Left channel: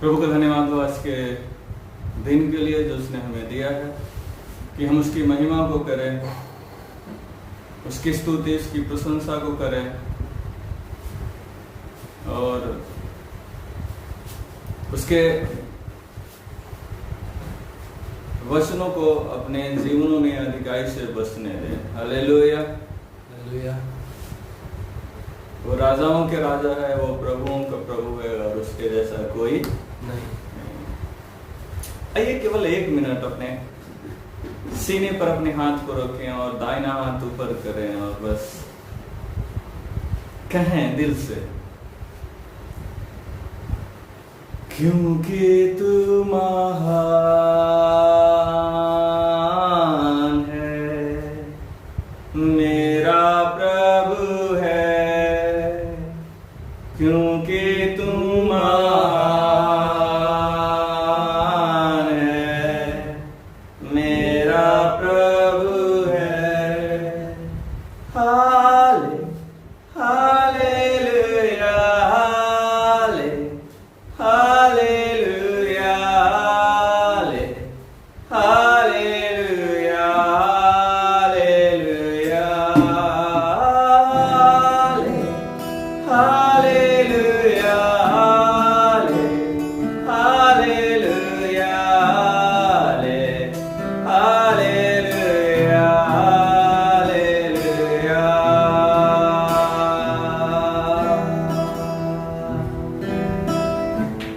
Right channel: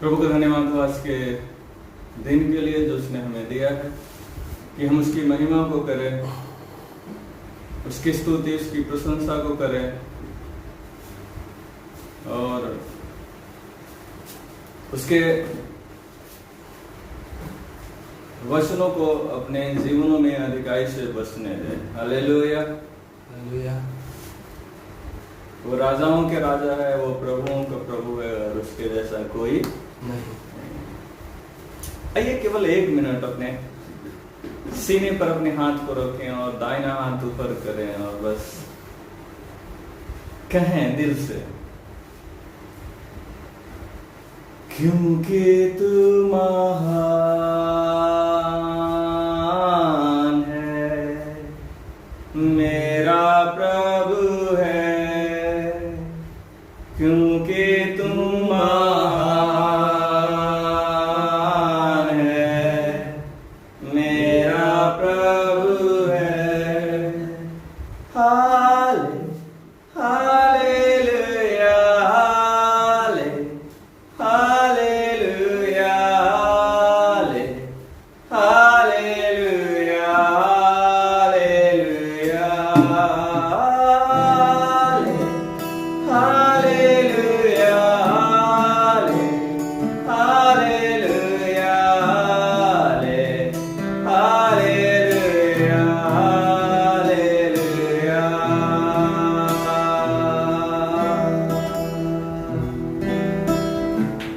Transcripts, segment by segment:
प्रभु का धन्यवाद हो आज के दिन के लिए जो उसने हमें दिया है कि हम उसकी महिमा को करें, उसकी स्तुति, उसकी प्रशंसा को करें और उसके वचनों को अपने जीवनों में अधिकाई से बसने दें। Hallelujah, hallelujah. वो राजाओं के राजा है, वो प्रभुओं का प्रभु है और उसके जैसा कोई नहीं। आइए केवल 1 मिनट अपने सीने पर अपने हाथ को रखें और दाहिना हाथ ऊपर करें और बस कहें दिल से, क्योंकि तू महान है, मेरा प्रभु है, क्योंकि तुम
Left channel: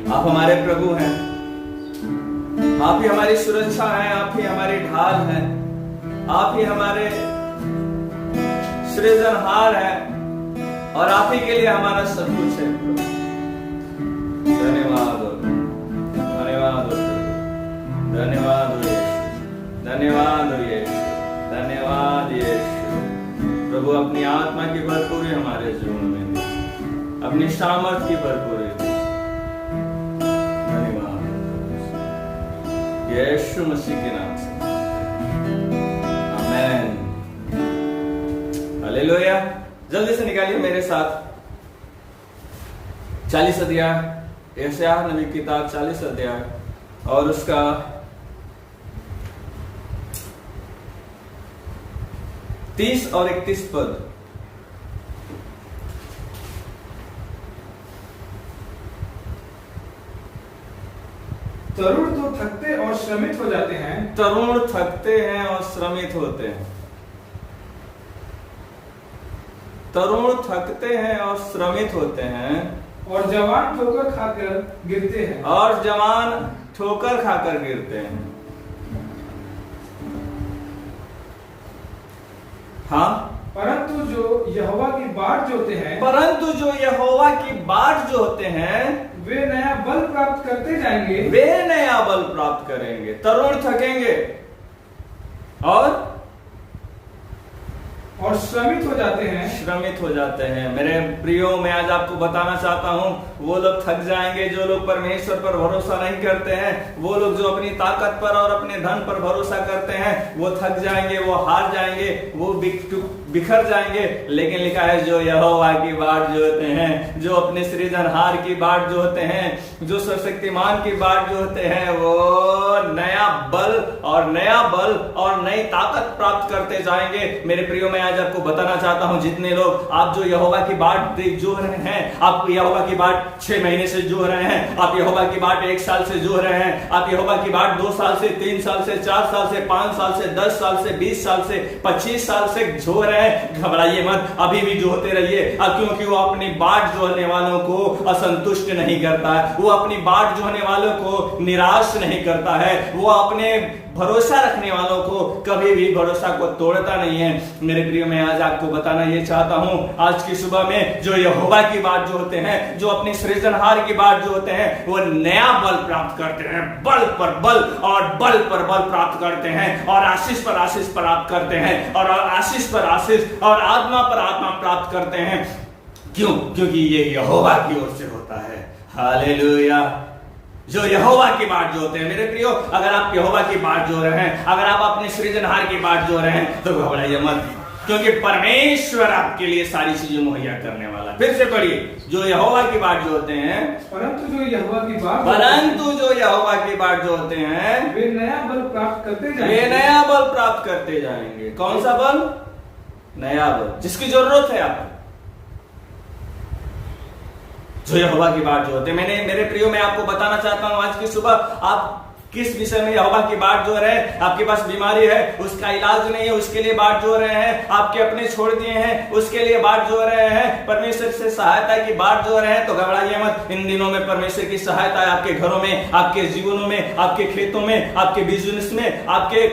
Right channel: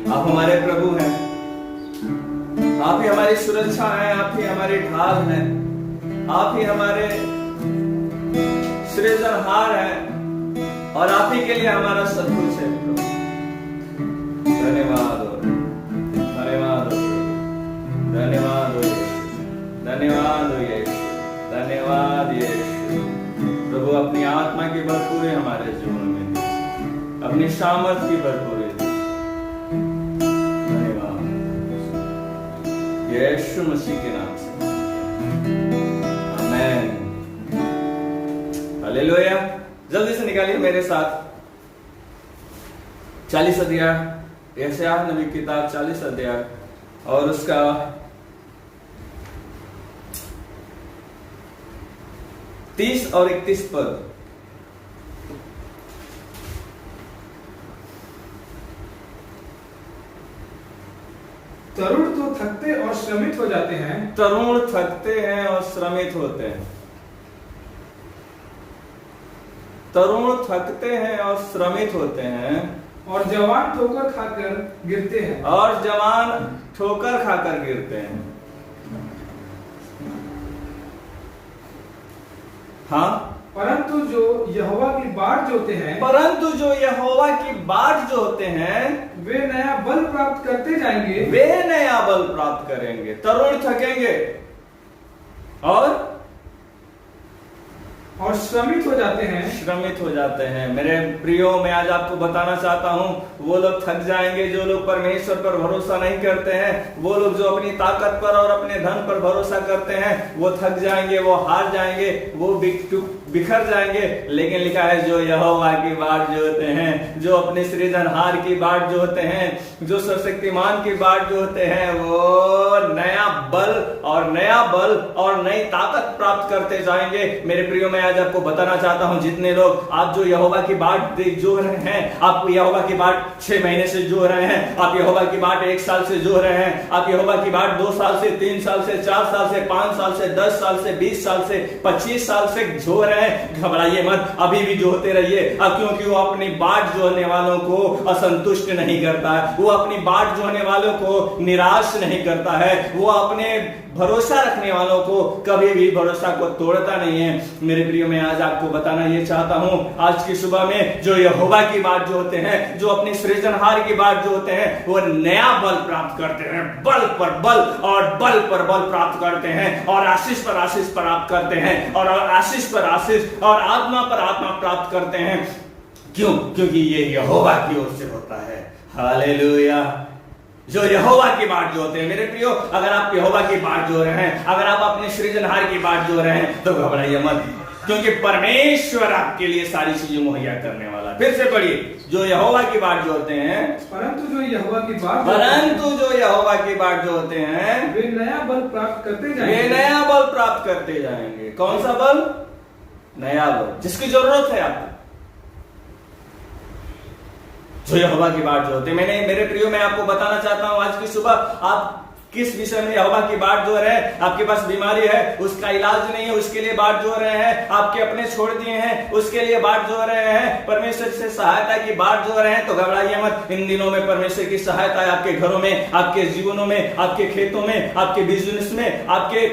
आप हमारे प्रभु हैं, आप ही हमारी सुरक्षा हैं, आप ही हमारी ढाल हैं, आप ही हमारे सृजनहार हैं और आप ही के लिए हमारा सब कुछ है। धन्यवाद हो, धन्यवाद हो, धन्यवाद हो, धन्यवाद हो, धन्यवाद यीशु। प्रभु अपनी आत्मा की भरपूरी हमारे जीवन में, अपनी सामर्थ की भरपूरी यीशु मसीह के नाम से, आमेन। हालेलुया। जल्दी से निकालिए मेरे साथ 40 अध्याय, यशायाह नबी की किताब 40 अध्याय और उसका 30 और 31 पद। तरुण तो थकते और श्रमित हो जाते हैं, तरुण थकते हैं और श्रमित होते हैं, तरुण थकते हैं और श्रमित होते हैं, और जवान ठोकर खाकर गिरते हैं, और जवान ठोकर खाकर गिरते हैं। हाँ, परंतु जो यहोवा की बाट जोते हैं, परंतु जो यहोवा की बाट जोते हैं वे नया बल प्राप्त करते जाएंगे, वे नया बल प्राप्त करेंगे। तरुण थकेंगे और श्रमित हो जाते हैं, श्रमित हो जाते हैं। मेरे प्रियो, मैं आज आपको बताना चाहता हूं, वो लोग थक जाएंगे जो लोग परमेश्वर पर भरोसा नहीं करते हैं, वो लोग जो अपनी ताकत पर और अपने धन पर भरोसा करते हैं, वो थक जाएंगे, वो हार जाएंगे, वो बिखर जाएंगे। लेकिन लिखा है जो यहोवा की बाट जोते हैं, जो अपने सृजनहार की बाट जोते हैं, जो सर्वशक्तिमान की बाट जोते हैं, वो नया बल और नई ताकत प्राप्त करते जाएंगे। मेरे प्रियो, मैं आज आपको बताना चाहता हूं, जितने लोग आप जो यहोवा की बाट जो रहे हैं, आप यहोवा की बाट 6 महीने से जो रहे हैं, आप यहोवा की बाट 1 साल से जो रहे हैं, आप यहोवा की बाट 2 साल से, 3 साल से, 4 साल से, 5 साल से, 10 साल से, 20 साल से, 25 साल से जो रहे हैं, घबराइए मत, अभी भी जोते रहिए, क्योंकि वो अपनी बाट जोने वालों को असंतुष्ट नहीं करता है, वो अपनी बाट जोने वालों को निराश नहीं करता है, वो अपने भरोसा रखने वालों को कभी भी भरोसा को तोड़ता नहीं है। मेरे प्रिय, मैं आज आपको बताना ये चाहता हूं, आज की सुबह में जो यहोवा की बात जो होते हैं, जो अपनी सृजनहार की बात जो होते हैं, वो नया बल प्राप्त करते हैं, बल पर बल और बल पर बल प्राप्त करते हैं, और आशीष पर आशीष प्राप्त करते हैं, और आशीष पर आशीष और आत्मा पर आत्मा प्राप्त करते हैं। क्यों? क्योंकि ये यहोवा की ओर से होता है। हालेलुया। जो यहोवा की बाट जोते हैं, मेरे प्रियो, अगर आप यहोवा की बाट जो रहे हैं, अगर आप अपने सृजनहार की बाट जो रहे हैं, तो घबराइए मत, क्योंकि परमेश्वर आपके लिए सारी चीजें मुहैया करने वाला। फिर से पढ़िए, जो यहोवा की बाट जोड़ते हैं, परंतु जो यहोवा की बाट जोड़ते हैं वे नया बल प्राप्त करते जाएंगे। वे नया बल प्राप्त करते जाएंगे। कौन सा बल? नया बल, जिसकी जरूरत है आपको। जो यहोवा की बाट जोड़ते हैं, मेरे प्रियो मैं आपको बताना चाहता हूं आज की सुबह आप किस विषय में यहोवा की बाट जोड़ रहे हैं। आपके पास बीमारी है, उसका इलाज नहीं है, उसके लिए बाट जोड़ रहे हैं। आपके अपने छोड़ दिए हैं, उसके लिए बाट जोड़ रहे हैं। परमेश्वर से सहायता की बाट जोड़ रहे हैं, तो घबराइए मत। इन दिनों में परमेश्वर की सहायता है आपके घरों में, आपके जीवनों में, आपके खेतों में, आपके बिजनेस में, आपके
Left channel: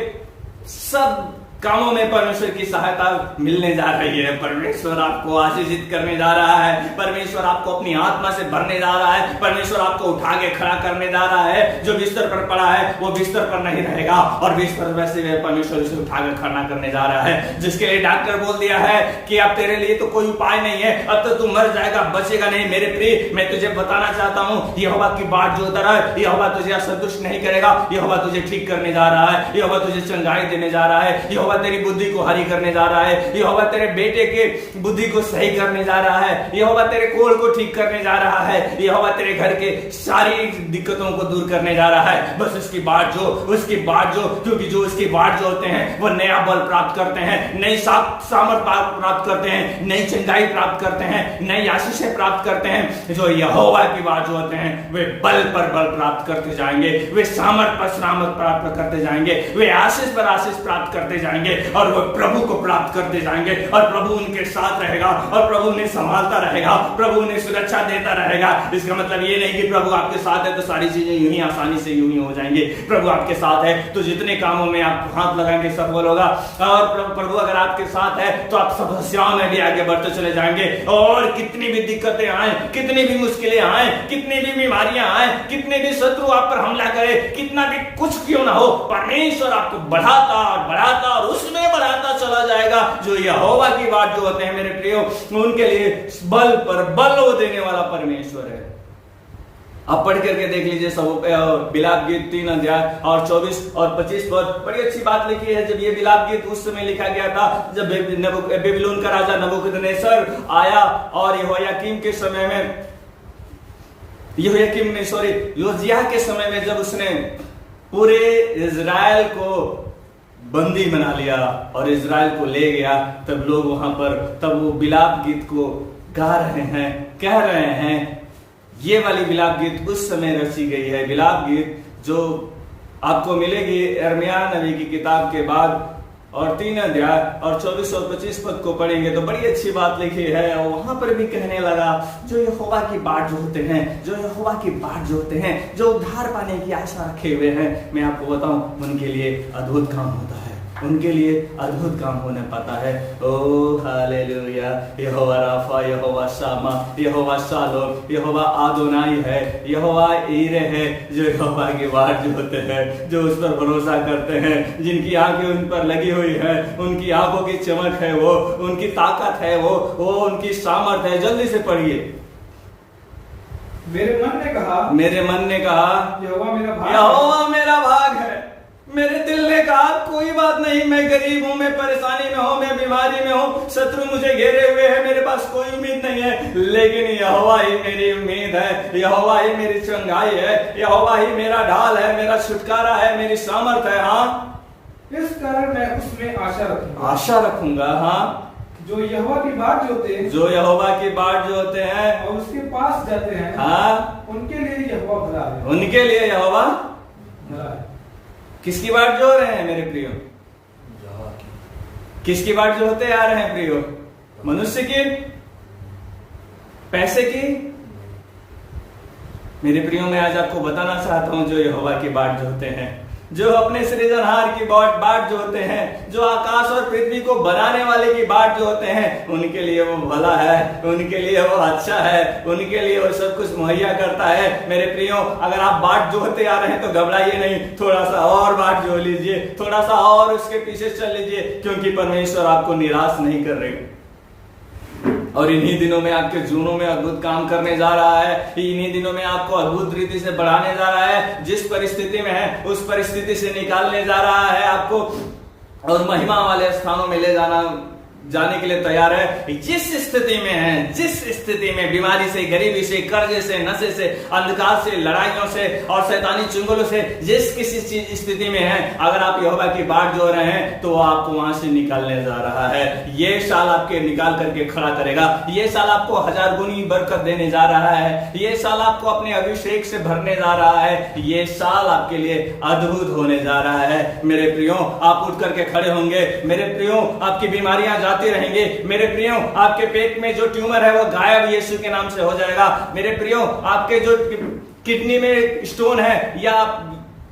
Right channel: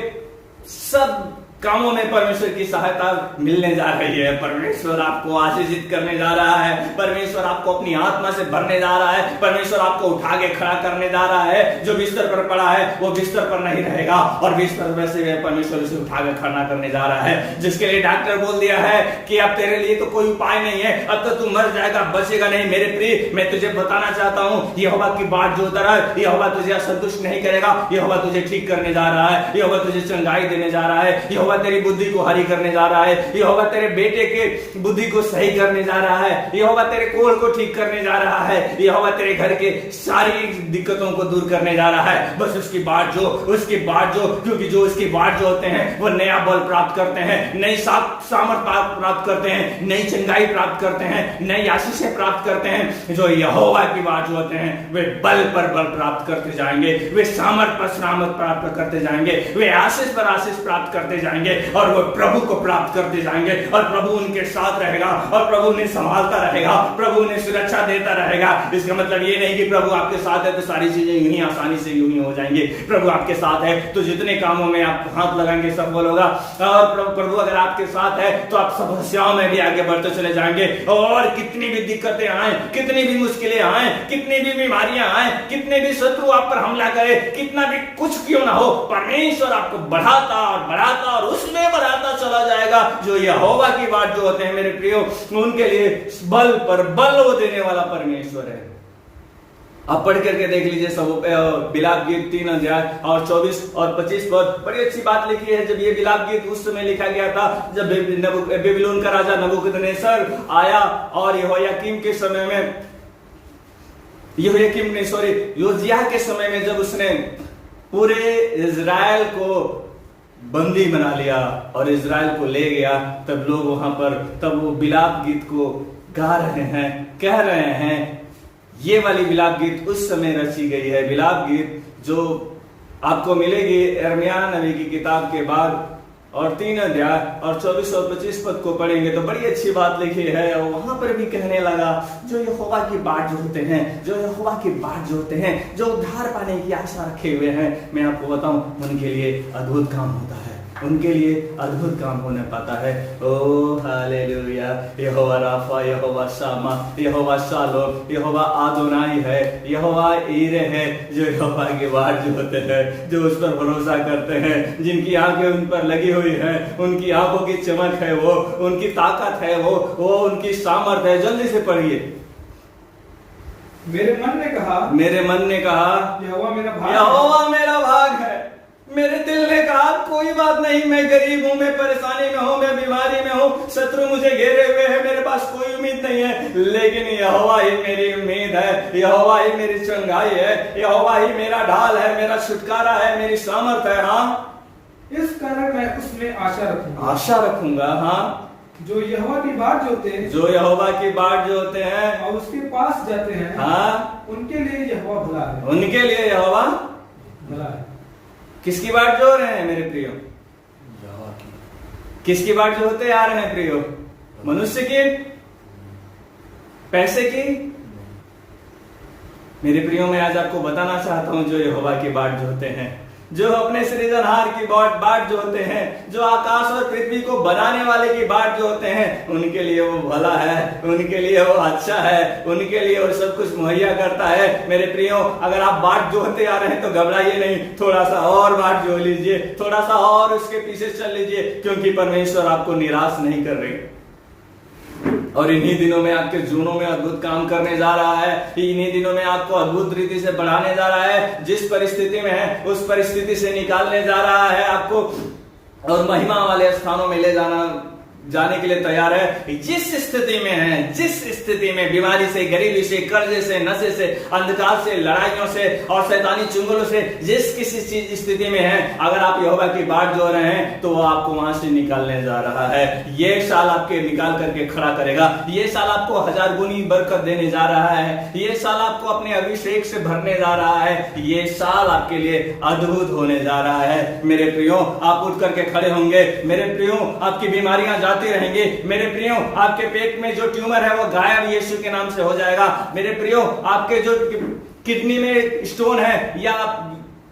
सब कामों में परमेश्वर की सहायता मिलने जा रही है। परमेश्वर आपको आशीषित करने जा रहा है। परमेश्वर आपको अपनी आत्मा से भरने जा रहा है। परमेश्वर आपको उठा के खड़ा करने जा रहा है। जो बिस्तर पर पड़ा है वो बिस्तर पर नहीं रहेगा, और बिस्तर वैसे परमेश्वर उसे उठा के खड़ा करने जा रहा है। जिसके लिए डॉक्टर बोल दिया है कि अब तेरे लिए तो कोई उपाय नहीं है, अब तो तू मर जाएगा, बचेगा नहीं। मेरे प्रिय, मैं तुझे बताना चाहता हूँ, यहोवा की बाट जोड़ता रह। यहोवा तुझे असंतुष्ट नहीं करेगा। यहोवा तुझे ठीक करने जा रहा है। यहोवा तुझे चंगाई देने जा रहा है। यहोवा तेरी बुद्धि को हरी करने जा रहा है। यहोवा तेरे बेटे के बुद्धि को सही करने जा रहा है। यहोवा तेरे कोल को ठीक करने जा रहा है। यहोवा तेरे घर के सारी दिक्कतों को दूर करने जा रहा है। बस उसकी बाट जो, क्योंकि जो उसकी बाट जो होते हैं वो नया बल प्राप्त करते हैं, नई सामर्थ प्राप्त करते हैं, नई चंगाई प्राप्त करते हैं, नई आशीषें प्राप्त करते हैं। जो यहोवा की बाट जो होते हैं वे बल पर बल प्राप्त करते जाएंगे, वे सामर्थ पर सामर्थ प्राप्त करते जाएंगे, वे आशीष पर आशीष प्राप्त करते जाएंगे, और वो प्रभु को प्राप्त करते जाएंगे। और प्रभु उनके साथ रहेगा, और प्रभु उन्हें संभालता रहेगा, प्रभु उन्हें सुरक्षा देता रहेगा। इसका मतलब ये नहीं कि प्रभु आपके साथ है तो सारी चीजें यूं ही आसानी से यूं ही हो जाएंगे। प्रभु आपके साथ है तो जितने कामों में आप हाथ लगाएंगे सफल होगा। और प्रभु अगर आपके साथ है तो आप समस्याओं में भी आगे बढ़ते चले जाएंगे। और कितनी भी दिक्कतें आए, कितनी भी मुश्किलें आए, कितनी भी बीमारियां आए, कितने भी शत्रु आप पर हमला करे, कितना भी कुछ क्यों ना हो, परमेश्वर आपको बढ़ाता और उसमें बढ़ाता चला जाएगा। जो यहोवा की बात जो होते हैं मेरे प्रियो, उनके लिए बल पर बल वो देने वाला परमेश्वर है। आप पढ़ करके देख लीजिए सब विलाप गीत 3 अध्याय और 24 और 25 पर बड़ी अच्छी बात लिखी है। जब ये विलाप गीत उस समय लिखा गया था जब बेबीलोन का राजा नबूकदनेस्सर आया, और यहोयाकीम के समय में योजिया के समय में जब उसने पूरे इजराइल को बंदी बना लिया और इजराइल को ले गया, तब लोग वहां पर तब वो विलाप गीत को गा रहे हैं, कह रहे हैं। ये वाली विलाप गीत उस समय रची गई है। विलाप गीत जो आपको मिलेगी यिर्मयाह नबी की किताब के बाद, और 3 अध्याय और 24 और 25 पद को पढ़ेंगे तो बड़ी अच्छी बात लिखी है। और वहां पर भी कहने लगा, जो यहोवा की बाट जोड़ते हैं, जो यहोवा की बाट जोड़ते हैं, जो उद्धार पाने की आशा रखे हुए हैं, मैं आपको बताऊं उनके लिए अद्भुत काम होता है, उनके लिए अद्भुत काम होने पाता है। ओ हालेलुया। यहोवा राफा, यहोवा शामा, यहोवा शालोम, यहोवा आदोनाई है, यहोवा ईरे है। जो यहोवा की बाट जो होते हैं, जो उस पर भरोसा करते हैं, जिनकी आंखें उन पर लगी हुई है, उनकी आंखों की चमक है, वो उनकी ताकत है, वो उनकी सामर्थ है। जल्दी से पढ़िए। मेरे मन ने कहा यहोवा मेरा भाग है। मेरे दिल ने कहा कोई बात नहीं, मैं गरीब हूं, मैं परेशानी में हूं, मैं बीमारी में हूं, शत्रु मुझे घेरे हुए हैं, मेरे पास कोई उम्मीद नहीं है, लेकिन यहोवा ही मेरी उम्मीद है, यहोवा ही मेरी चंगाई है, यहोवा ही मेरा ढाल है, मेरा छुटकारा है, मेरी सामर्थ है। हाँ, इस कारण मैं उसमें आशा रखूंगा। हाँ, जो यहोवा की बाट जो होते हैं और उसके पास जाते हैं, हाँ, उनके लिए यहोवा भला है। उनके लिए यहोवा भला है। किसकी बाट जो रहे हैं मेरे प्रियो? किसकी बाट जो होते आ रहे हैं प्रियो? मनुष्य की, पैसे की? मेरे प्रियो मैं आज आपको बताना चाहता हूं, जो यहोवा की बाट जो होते हैं, जो अपने सृजनहार की बाट जो होते हैं, जो आकाश और पृथ्वी को बनाने वाले की बाट जो होते हैं, उनके लिए वो भला है, उनके लिए वो अच्छा है, उनके लिए वो सब कुछ मुहैया करता है। मेरे प्रियो, अगर आप बाट जोड़ते आ रहे हैं तो घबराइए नहीं, थोड़ा सा और बाट जोड़ लीजिए, थोड़ा सा और उसके पीछे चल लीजिए, क्योंकि परमेश्वर आपको निराश नहीं कर रहे। और इन्हीं दिनों में आपके जीवनों में अद्भुत काम करने जा रहा है। इन्हीं दिनों में आपको अद्भुत रीति से बढ़ाने जा रहा है। जिस परिस्थिति में है उस परिस्थिति से निकालने जा रहा है आपको, और महिमा वाले स्थानों में ले जाना जाने के लिए तैयार है। जिस स्थिति में है, जिस स्थिति में बीमारी से, गरीबी से, कर्जे से, नशे से, अंधकार से, लड़ाइयों से और शैतानी चुंगलों से, जिस किसी चीज स्थिति में है, अगर आप यहोवा की बाट जो रहे हैं तो वो आपको वहां से निकालने जा रहा है। ये साल आपके निकाल करके खड़ा करेगा। ये साल आपको 1000 गुनी बरकत देने जा रहा है। ये साल आपको अपने अभिषेक से भरने जा रहा है। ये साल आपके लिए अद्भुत होने जा रहा है। मेरे प्रियो, आप उठ करके खड़े होंगे। मेरे प्रियो, आपकी बीमारियां जाती रहेंगी। मेरे प्रियो, आपके पेट में जो ट्यूमर है वो गायब यीशु के नाम से हो जाएगा। मेरे प्रियो, आपके जो किडनी में स्टोन है या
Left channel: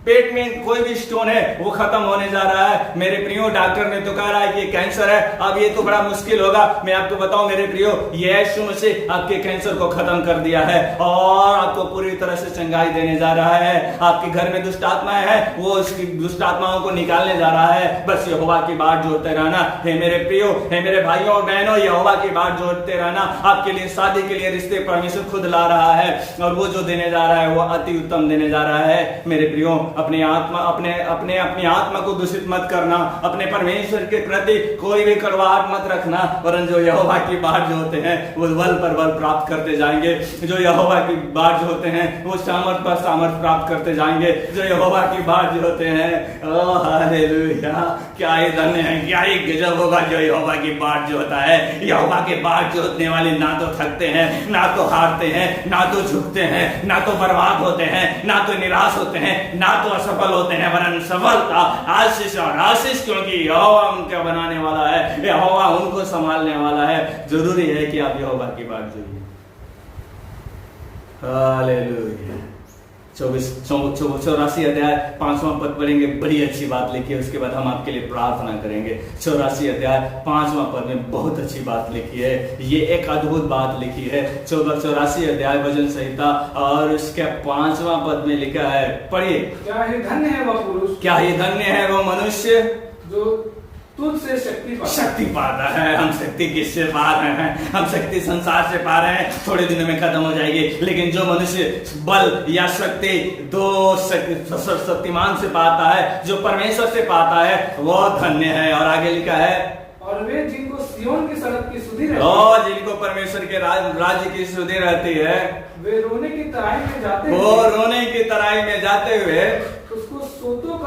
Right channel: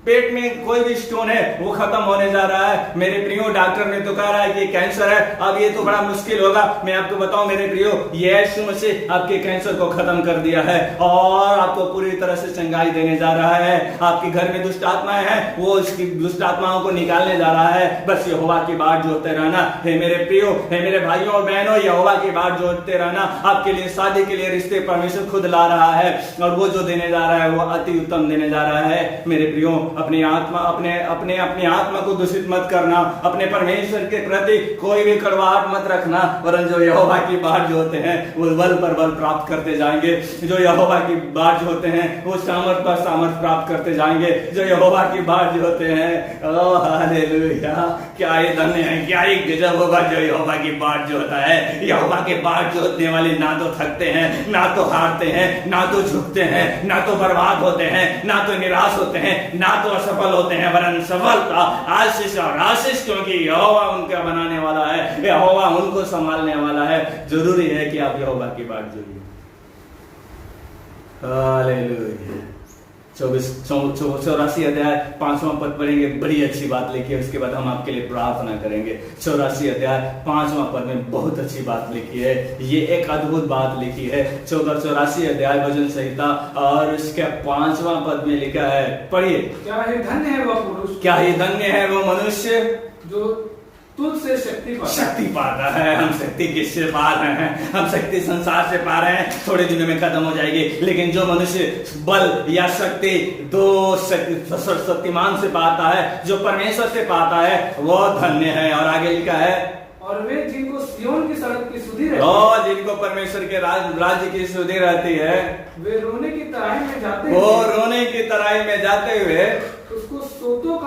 पेट में कोई भी स्टोन है वो खत्म होने जा रहा है। मेरे प्रियो, डॉक्टर ने तो कह रहा है कि कैंसर है, अब ये तो बड़ा मुश्किल होगा। मैं आपको बताऊं मेरे प्रियो, यीशु मसीह आपके कैंसर को खत्म कर दिया है और आपको पूरी तरह से चंगाई देने जा रहा है। आपके घर में दुष्ट आत्माएं हैं, वो उसकी दुष्ट आत्माओं को निकालने जा रहा है। बस यहोवा की बाट जोड़ते रहना। हे मेरे प्रियो, हे मेरे भाइयों और बहनों, यहोवा की बाट जोड़ते रहना। आपके लिए शादी के लिए रिश्ते परमेश्वर खुद ला रहा है और वो जो देने जा रहा है वो अति उत्तम देने जा रहा है। मेरे प्रियो, अपनी आत्मा को दूषित मत करना। अपने परमेश्वर के प्रति कोई भी कड़वाहट मत रखना, वरन जो यहोवा की बाट जो होते हैं वो बल पर बल प्राप्त करते जाएंगे। जो यहोवा की बाट जो होते हैं वो सामर्थ पर सामर्थ प्राप्त करते जाएंगे। जो यहोवा की बाट जो होते हैं, ओह हालेलुया, क्या ही धन्य है, क्या ही गजब होगा जो यहोवा की बाट जो होता है। यहोवा के बाट जो होने वाले ना तो थकते हैं, ना तो हारते हैं, ना तो झुकते हैं, ना तो बर्बाद होते हैं, ना तो निराश होते हैं, ना तो असफल होते हैं, वरन सफलता, आशीष और आशीष, क्योंकि यहोवा उनका बनाने वाला है, यहोवा उनको संभालने वाला है। जरूरी है कि आप यहोवा की बात जोड़िए। हालेलुया। 84 अध्याय 5वां पद पढ़ेंगे, बड़ी अच्छी बात लिखी है। उसके बाद हम आपके लिए प्रार्थना करेंगे। 84 अध्याय 5वां पद में बहुत अच्छी बात लिखी है। ये एक अद्भुत बात लिखी है। 84 अध्याय भजन संहिता और इसके 5वां पद में लिखा है, पढ़िए। क्या ही धन्य है वह पुरुष, क्या ही धन्य है वो मनुष्य जो तुझसे शक्ति पाता है। हम शक्ति किससे पा रहे हैं? हम शक्ति संसार से पा रहे हैं, थोड़े दिनों में खत्म हो जाएगी। लेकिन जो मनुष्य बल या शक्ति दो शक्तिमान से पाता है, जो परमेश्वर से पाता है, वो धन्य है। और आगे लिखा है, और वे जिनको सिय्योन की सड़क की सुधि रहती है, जिनको परमेश्वर के राज्य की सुधि रहती है, वे रोने की तराई में जाते वो रोने की तराई में जाते हुए उसको सोतों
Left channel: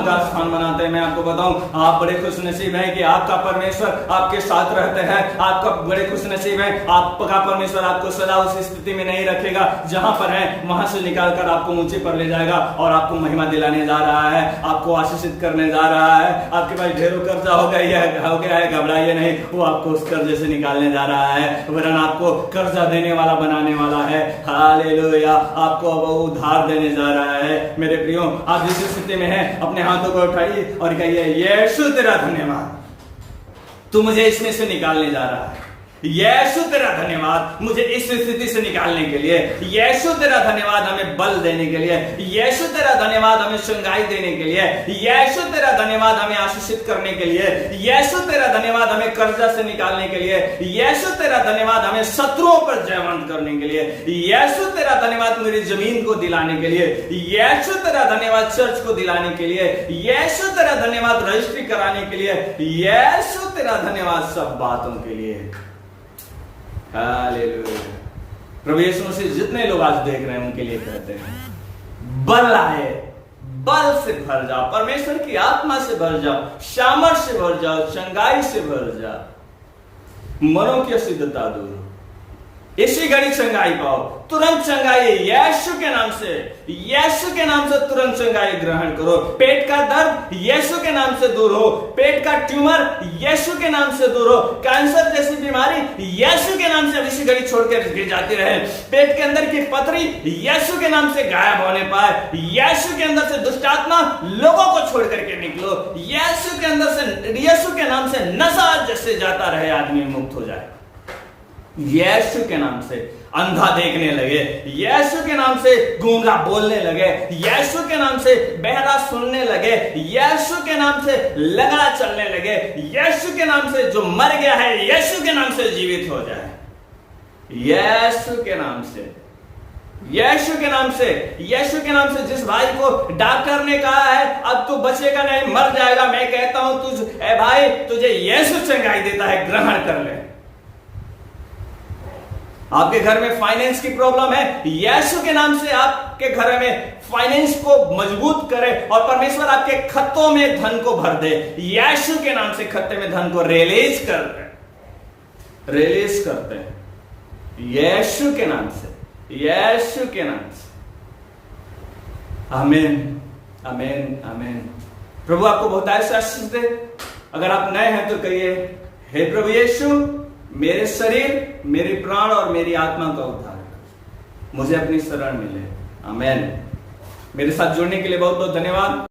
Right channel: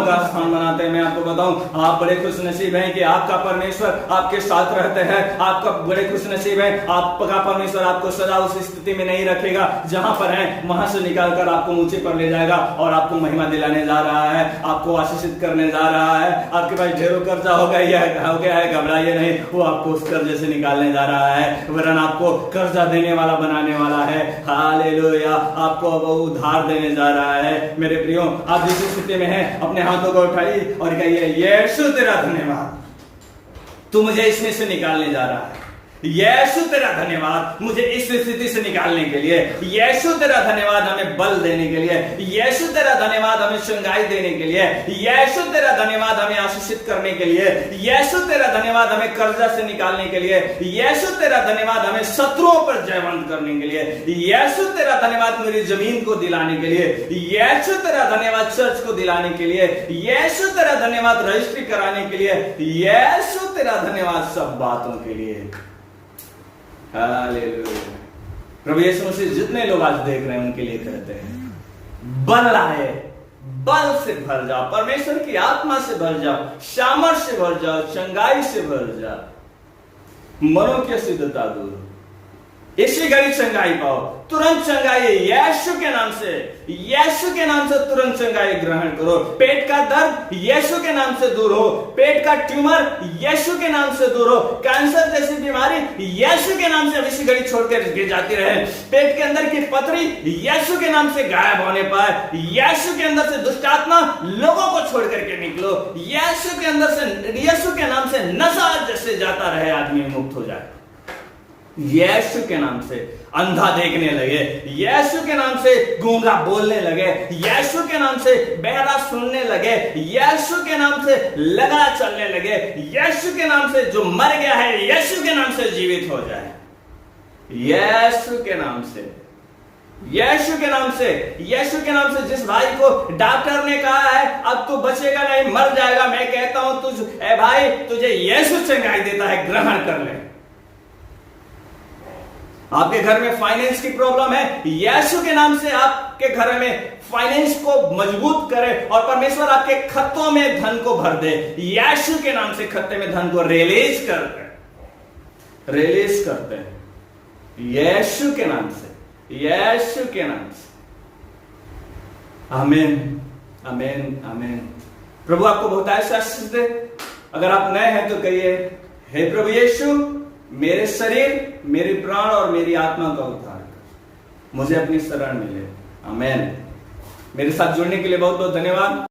का स्थान बनाते हैं। मैं आपको बताऊं, आप बड़े खुश नसीब हैं कि आपका परमेश्वर आपके साथ रहते हैं। आपका बड़े खुश नसीब है, आपका परमेश्वर आपको सदा उस स्थिति में नहीं रखेगा जहां पर है, वहां से निकालकर आपको ऊंचे पर ले जाएगा और आपको महिमा दिलाने जा रहा है, आपको आशीषित करने जा रहा है। आपके पास ढेरों कर्जा हो गया है, घबराइए नहीं, वो आपको उस कर्जे से निकालने जा रहा है, वरन आपको कर्जा देने वाला बनाने वाला है। हालेलुया, आपको वो उधार देने जा रहा है। मेरे प्रियो, आप जिस स्थिति में हैं, अपने हाथों को उठाइए और कहिए, यीशु तेरा धन्यवाद, तू मुझे इसमें से निकालने जा रहा है। यीशु तेरा धन्यवाद मुझे इस स्थिति से निकालने के लिए। यीशु तेरा धन्यवाद हमें बल देने के लिए। यीशु तेरा धन्यवाद हमें चंगाई देने के लिए। यीशु तेरा धन्यवाद हमें आशीषित करने के लिए। यीशु तेरा धन्यवाद हमें कर्जा से निकालने के लिए। यीशु तेरा धन्यवाद हमें शत्रुओं पर जयवंत करने के लिए। यीशु तेरा धन्यवाद मेरी जमीन को दिलाने के लिए। यीशु तेरा धन्यवाद चर्च को दिलाने के लिए। यीशु तेरा धन्यवाद रजिस्ट्री कराने के लिए। यीशु तेरा धन्यवाद सब बातों के लिए। हालेलुया। प्रभु यीशु मसीह जितने लोग आज देख रहे हैं उनके लिए कहते हैं, बल आए, बल से भर जाओ, परमेश्वर की आत्मा से भर जाओ, सामर्थ से भर जाओ, चंगाई से भर जाओ, मनो की अशुद्धता दूर हो, इसी घड़ी चंगाई पाओ, तुरंत चंगाई यीशु के नाम से, यीशु के नाम से तुरंत चंगाई ग्रहण करो। पेट का दर्द यीशु के नाम से दूर हो, पेट का ट्यूमर यीशु के नाम से दूर हो, कैंसर जैसी बीमारी यीशु के नाम से इसी घड़ी छोड़कर जाती रहे। पेट के अंदर की पथरी यीशु के नाम से गायब होने पाए। यीशु के अंदर से दुष्ट आत्मा लोगों को छोड़ करके निकलो। यीशु के अंदर से, यीशु के नाम से नशा जैसे जाता रहे, आदमी मुक्त हो जाए। यीशु के नाम से अंधा देखने लगे, यीशु के नाम से गूंगा बोलने लगे, यीशु के नाम से बहरा सुनने लगे, यीशु के नाम से लंगड़ा चलने लगे, यीशु के नाम से जो मर गया है यीशु के नाम से जीवित हो जाए। यीशु के नाम से यीशु के नाम से, यीशु के नाम से। जिस भाई को डॉक्टर ने कहा है अब तू बचेगा नहीं, मर जाएगा, मैं कहता हूं ए भाई, तुझे यीशु चंगाई देता है, ग्रहण कर ले। आपके घर में फाइनेंस की प्रॉब्लम है, यीशु के नाम से आपके घर में फाइनेंस को मजबूत करे और परमेश्वर आपके खत्तों में धन को भर दे। यीशु के नाम से खत्ते में धन को रिलीज करते हैं, रिलीज करते हैं यीशु के नाम से, यीशु के नाम से। आमीन, आमीन, आमीन। प्रभु आपको बहुत ऐसा आशीष दे। अगर आप नए हैं तो कहिए, हे प्रभु यीशु, मेरे शरीर, मेरे प्राण और मेरी आत्मा का उद्धार कर, मुझे अपनी शरण मिले। आमीन। मेरे साथ जुड़ने के लिए बहुत बहुत धन्यवाद।